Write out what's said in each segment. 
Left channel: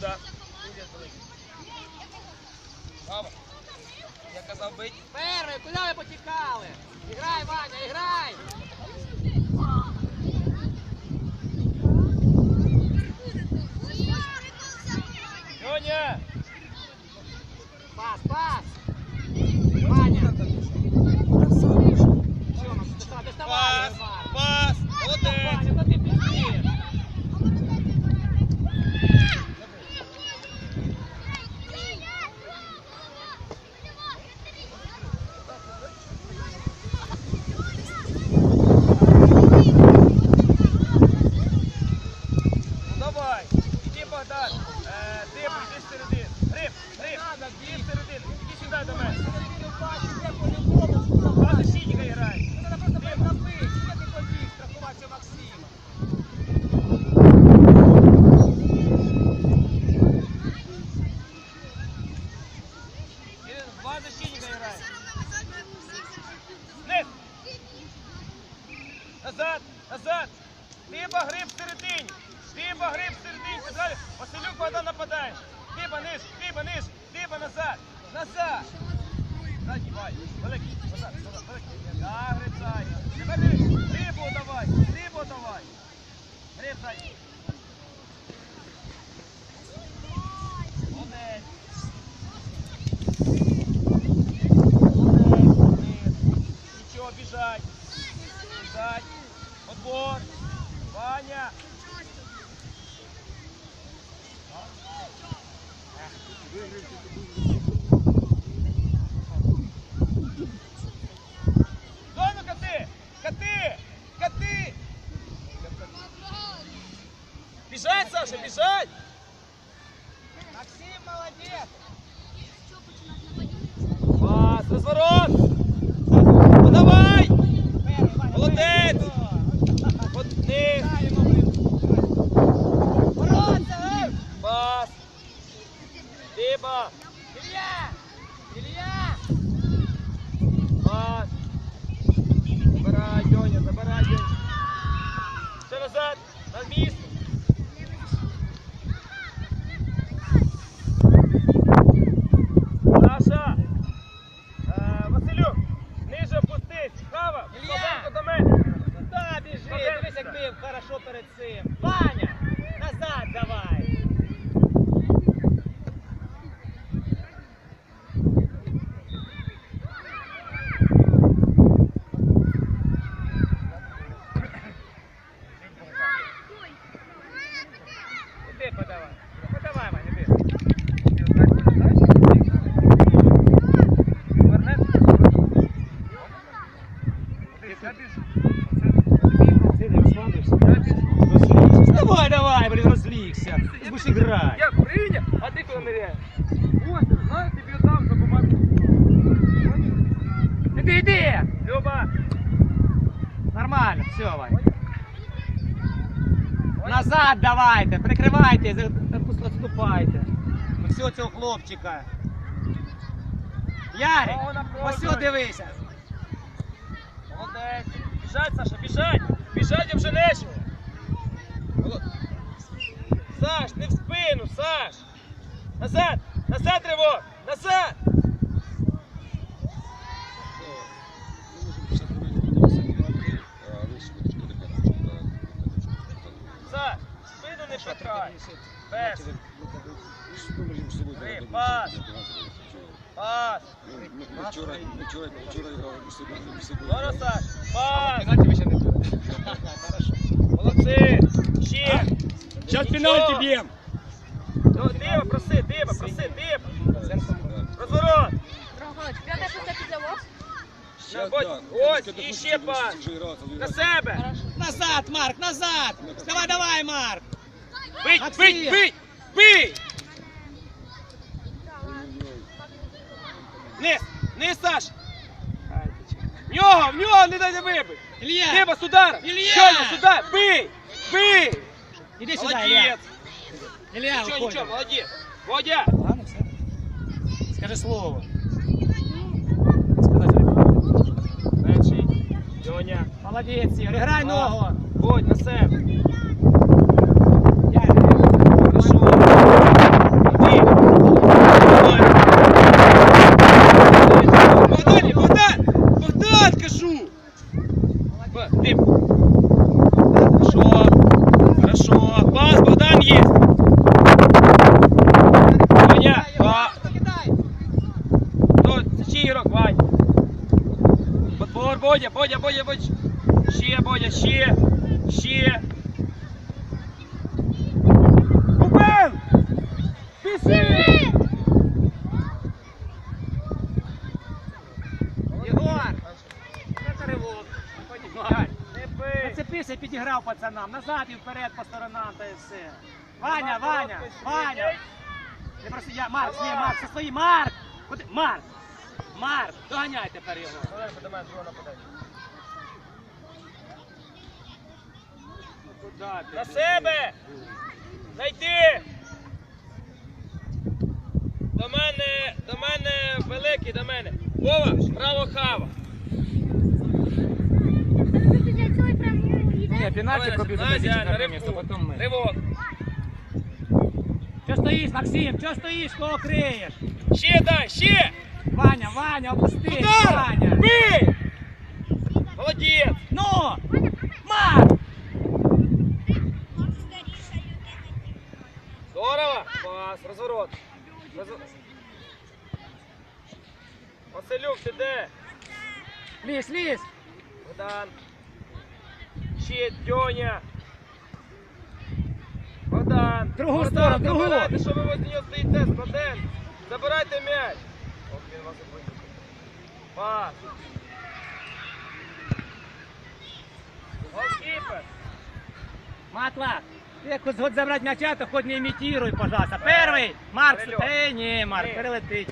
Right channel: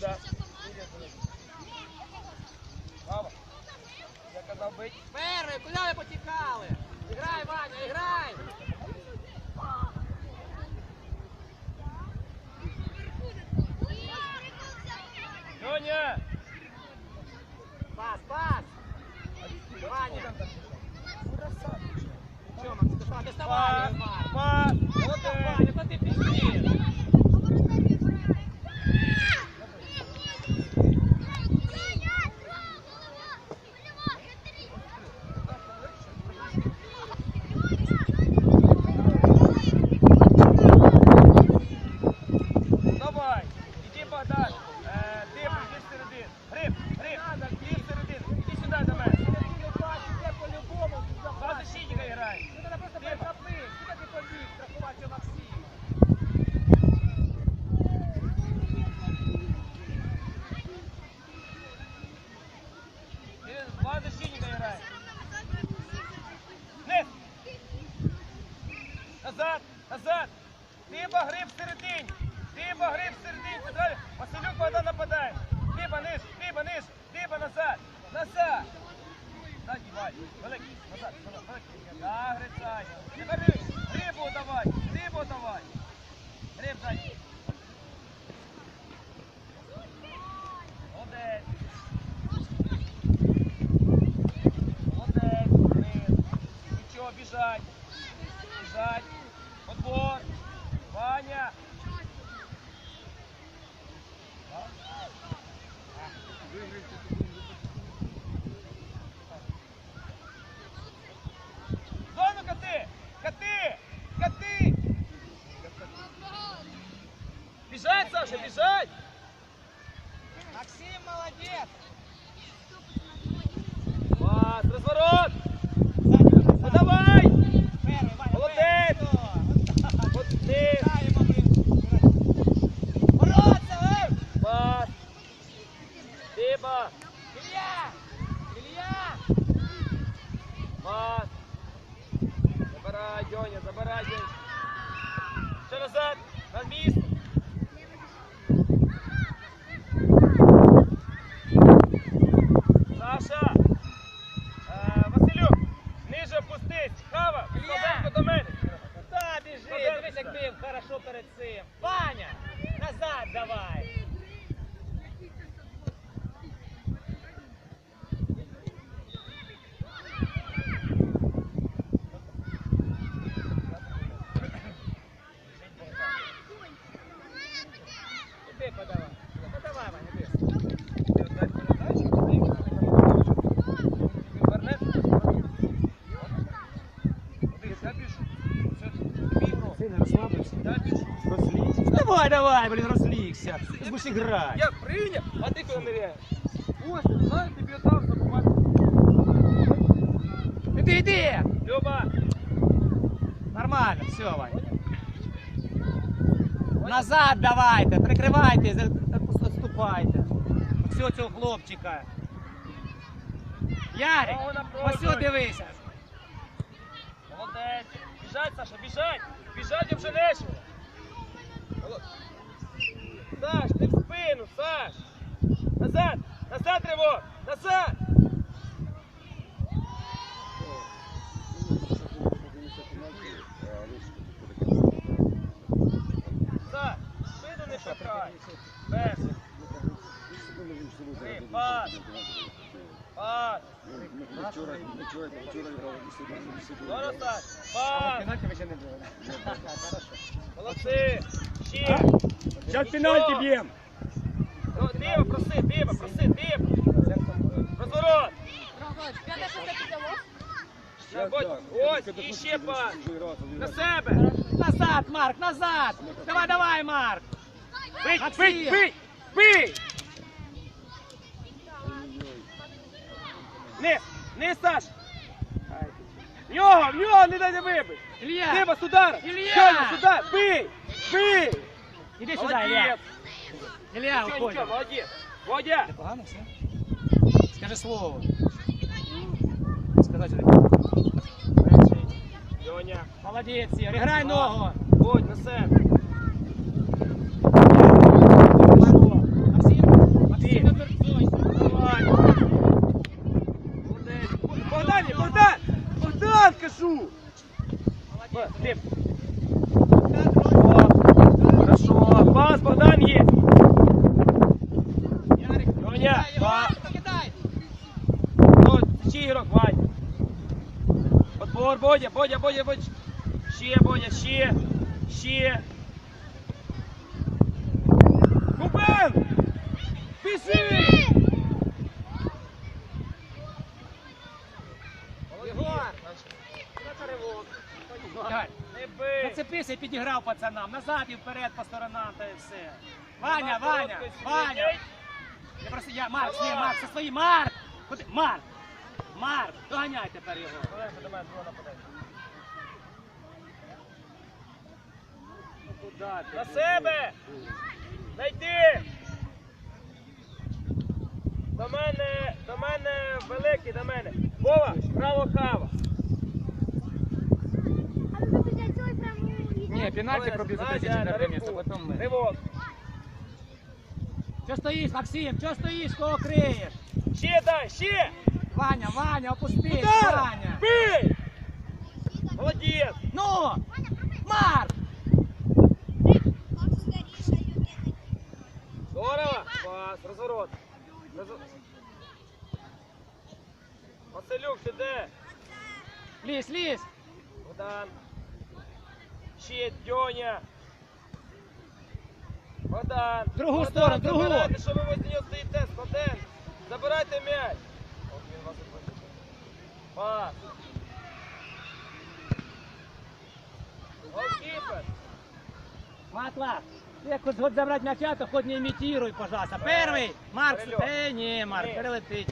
Куда? Баба. Я казав бить. Перри, куди ви потікали? Іграй, Ваня! Саша, бежать! Максим, молодец. Класс, разворот! Ну давай! Вот Ваня, Будеш. Я прийняв, а ти коли ныряєш. Ось, на, тобі дам допомагати. Іди, іди. Люба, Нормально, все, Вань. Назад давайте, прикривайте, за- Все цього хлопчика. Ярик, ось дивися. молодець. Біжать, Саша, біжать. Біжать, нечого. Саш, не в спину, Саш. Назад, назад, Риво, назад. Саш, спину не пихай. Без. Три, пас. Пас. Вчора, вчора, вчора грали у себе, у себе. Зараз, Саш, пас. Пенальті ще не було. Молодці. Ще. Зараз Нічого. пенальті Ну, проси, Дима, проси, Дима. Розворот. Ось, і ще пас. На себе. Назад, Марк, назад. Давай, давай, Марк. Бий, бий, бий, бий. Не, не, Саш. В нього, в нього, не дай не вибив. Илья, Дима, з ударом. Ілля! Щойно, сюди, бий, бий. іди сюди, Илья. Молодець. Илья, Нічого, нічого, молодець. Володя! Ладно, все. Скажи слово. Сказати. Перший. Дьоня. Молодець, Ігор. Грай ногу. Будь на себе. Богдан, Богдан! Богдан, кажу! Ти. Хорошо. Хорошо. Пас, Богдан є. Ваня, па. Ну, це чий ігрок, Вань? Подбор, Бодя, Бодя, Бодя, Бодя. Ще, Бодя, ще. Ще. Купив! Пішли! Єгор! Це ривок. Гань, Не бий! Пацанам. Назад і вперед по сторонам та і все. Ваня, Ваня, Ваня. Не просто я, Марк, ні, Марк, це свої, Марк! Куди? Марк! Марк, доганяй тепер його. Ну? На себе! Зайди! До мене, до мене великий, до мене. Вова, право хава. Ні, Давай, Настя, Настя, на ривку. Ривок. Що стоїш, Максим? Що стоїш, кого криєш? Ще дай, ще! Ваня, Ваня, опустись, Туда! Ваня. Бий! Молодець! Ну! Марк! Здорово! Пас, розворот. Розв- Василюк, ти де? Лізь, лізь! Богдан Ще Дьоня. Богдан. Другу Богдан, сторону, другу. Забирайте, що ви возле нього стоїте, Богдан. Забирайте м'яч. От він вас і вибив. Пас. Голкіпер. Матлак! Ты хоть хоть забрать мяча, то хоть не имитируй, пожалуйста. Первый! Марк, Перельот. эй, не, Марк, Ні. перелетить.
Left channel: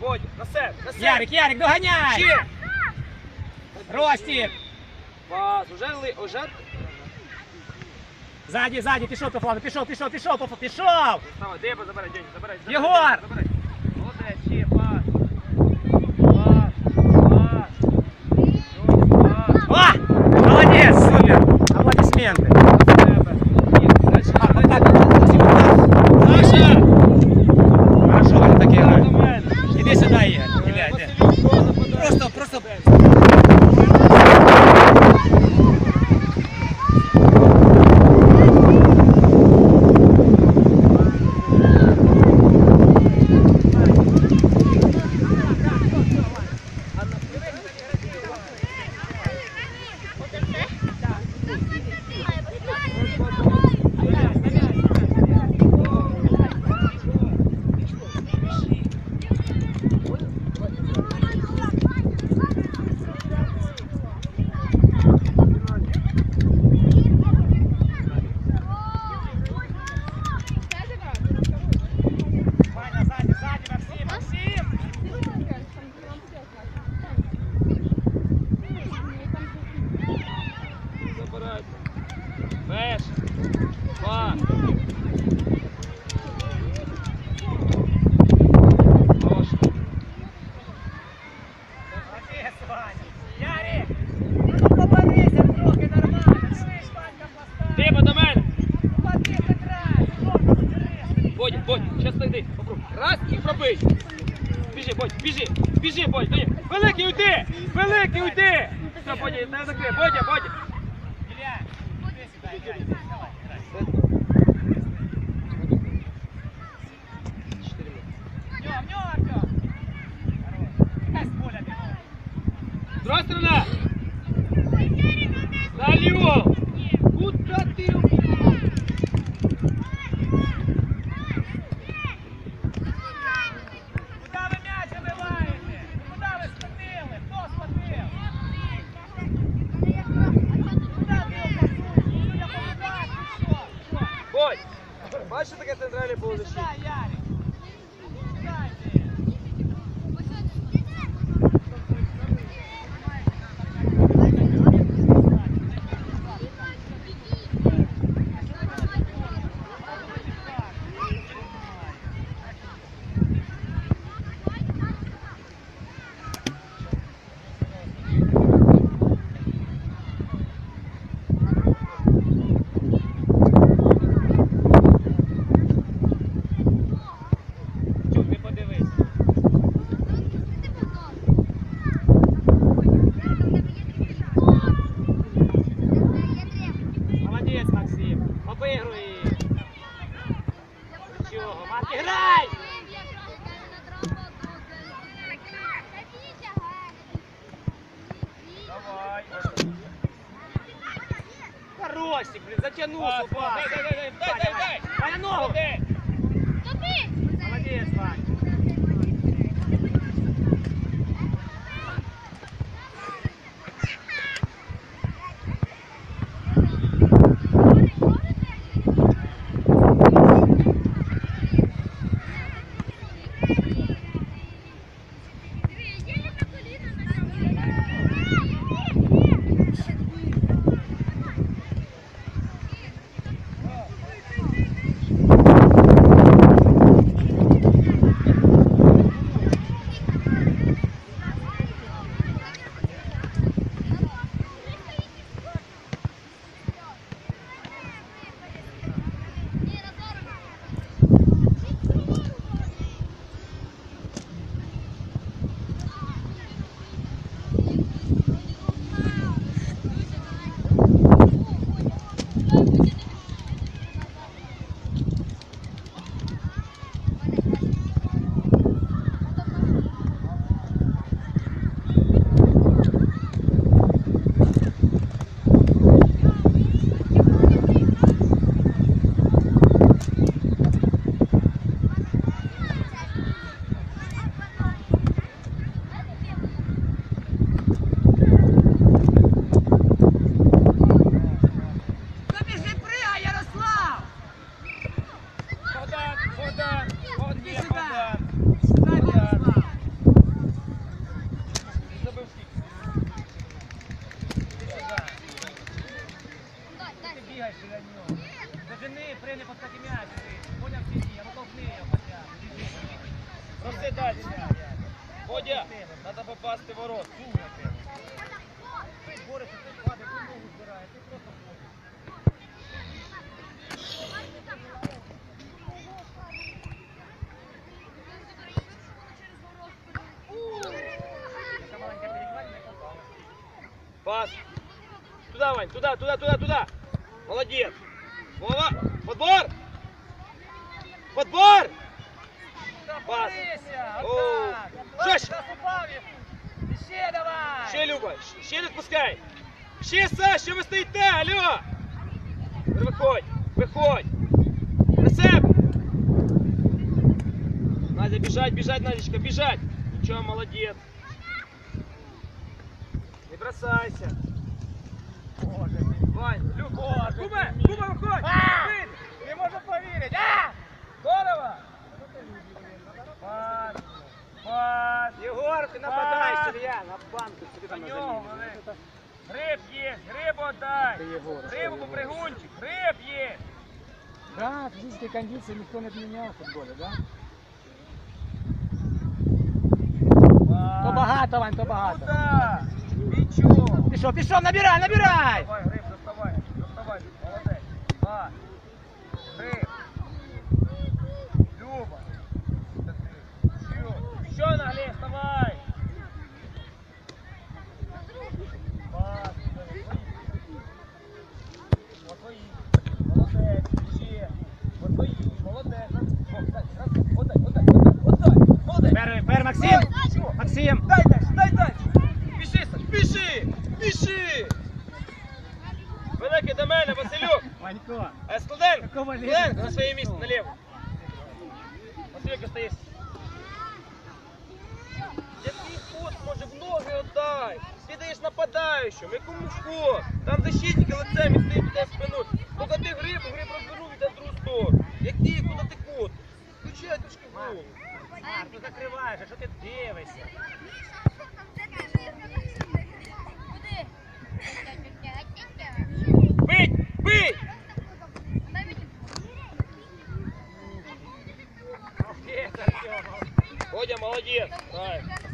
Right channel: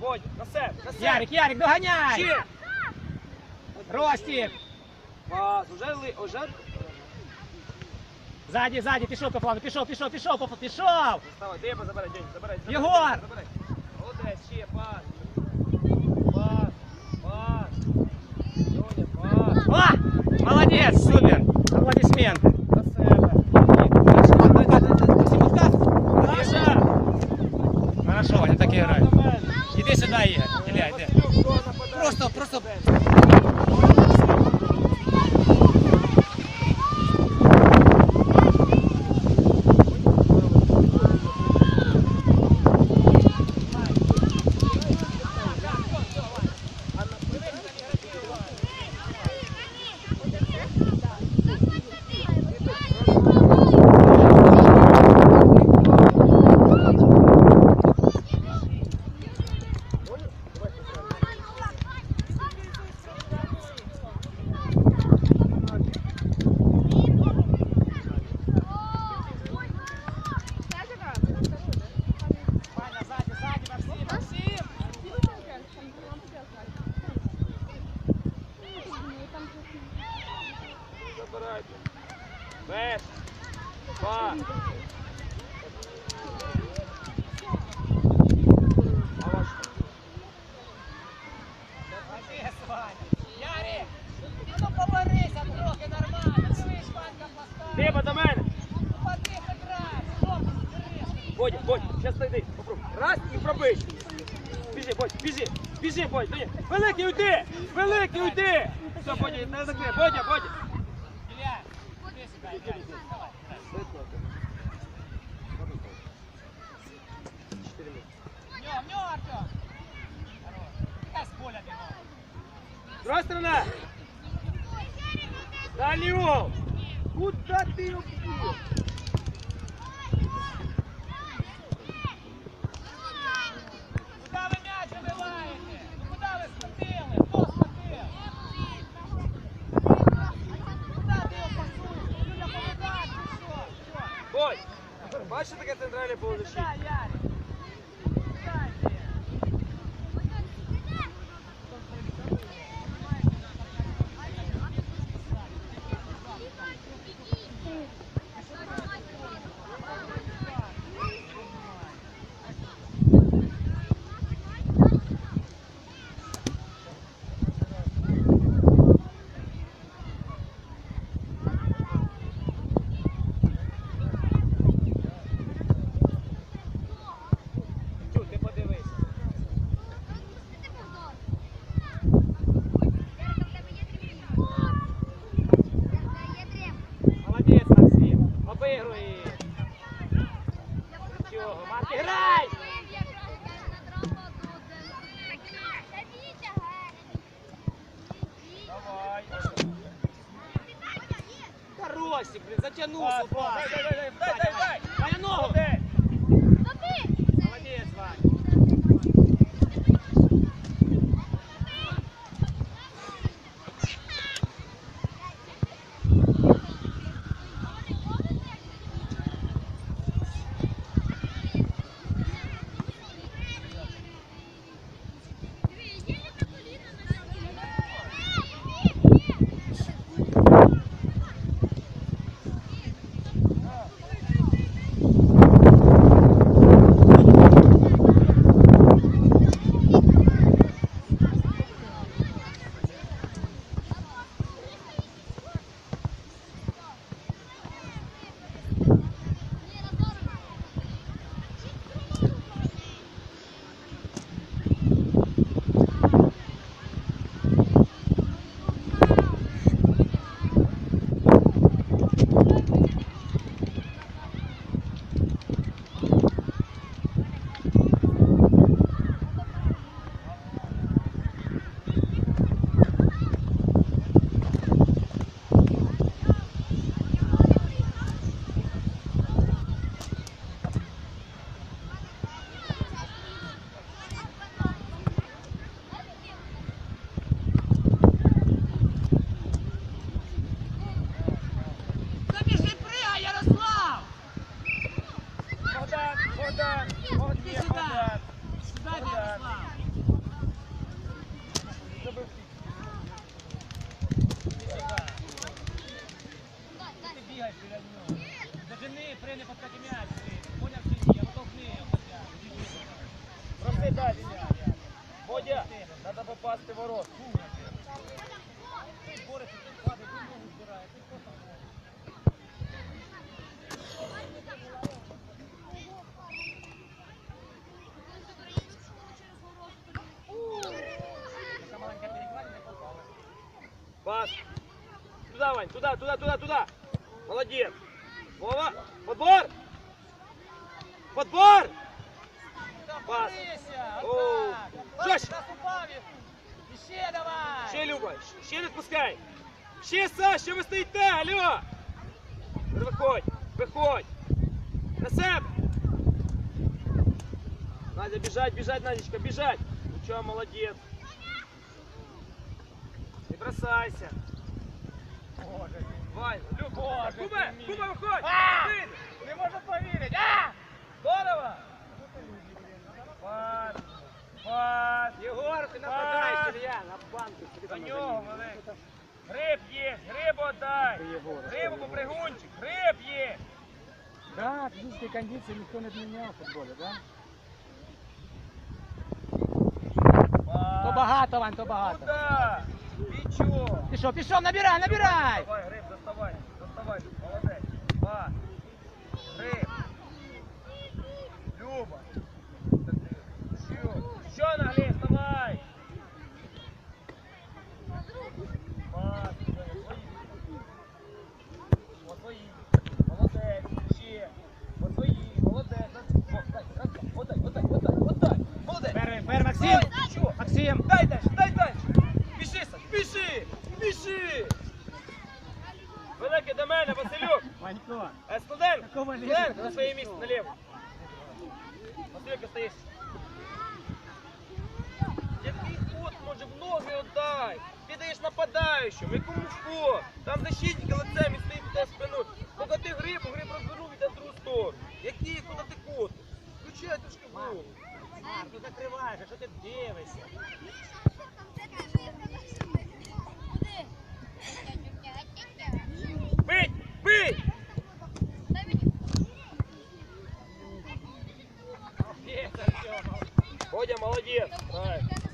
Бодь, на себе, на себе. Ярик, Ярик, догоняй! Ще. Ростик! Пас, уже, ли- уже. Сзади, сзади, пішов по флану, пішов, пішов, пішов, пішов, пішов! Вставай, де забирай, День, забирай. забирай, Єгор! Забирай. Уйди. Великий уйди. Все, Бодя, не закрий. Бодя, Бодя. Бачиш, таке центральне поле Богдан, Богдан, Богдан, Іди Туда, Вань, туда, туда, туда, туда. Молодец. Вова, подбор. Подбор. Пас. Оу. Жесть. Ще давай! Ще, Люба, ще не відпускай. Ще, Саш, що ви стоїте, алло. Виходь, виходь. На себе. Надя, біжать, біжать, Надечка, біжать. Нічого, молодець. Не бросайся. Куба, Куба, виходь. Не можу повірити! Здорово. Єгор, ти нападай. Сергія, на банку. собі там. Гриб є, це Грибу попригунчик, гриб є. Да, физической кондиции никто не отменял в футболе, да? То багато, Вань, то багато. Куда? Нічого. Пішов, пішов, набирай, набирай! Давай, гриб, доставай, доставай. Молодець. Два. Гриб. Е, Складенко, Какого лізу? Складенко, на своє місце, наліво. Василюк, остаєш. Який кут, може, в ноги отдай. Ти даєш нападаючому, якому що? Там защитник лицем і стоїть туди спину. Поки ти гриб, гриб розвернув і дав другу сторону. Який, куди ти кут? Включай трошки голову. А, ти закриваєш, а що ти дивишся? Бить, бить! Молодец. Правильно.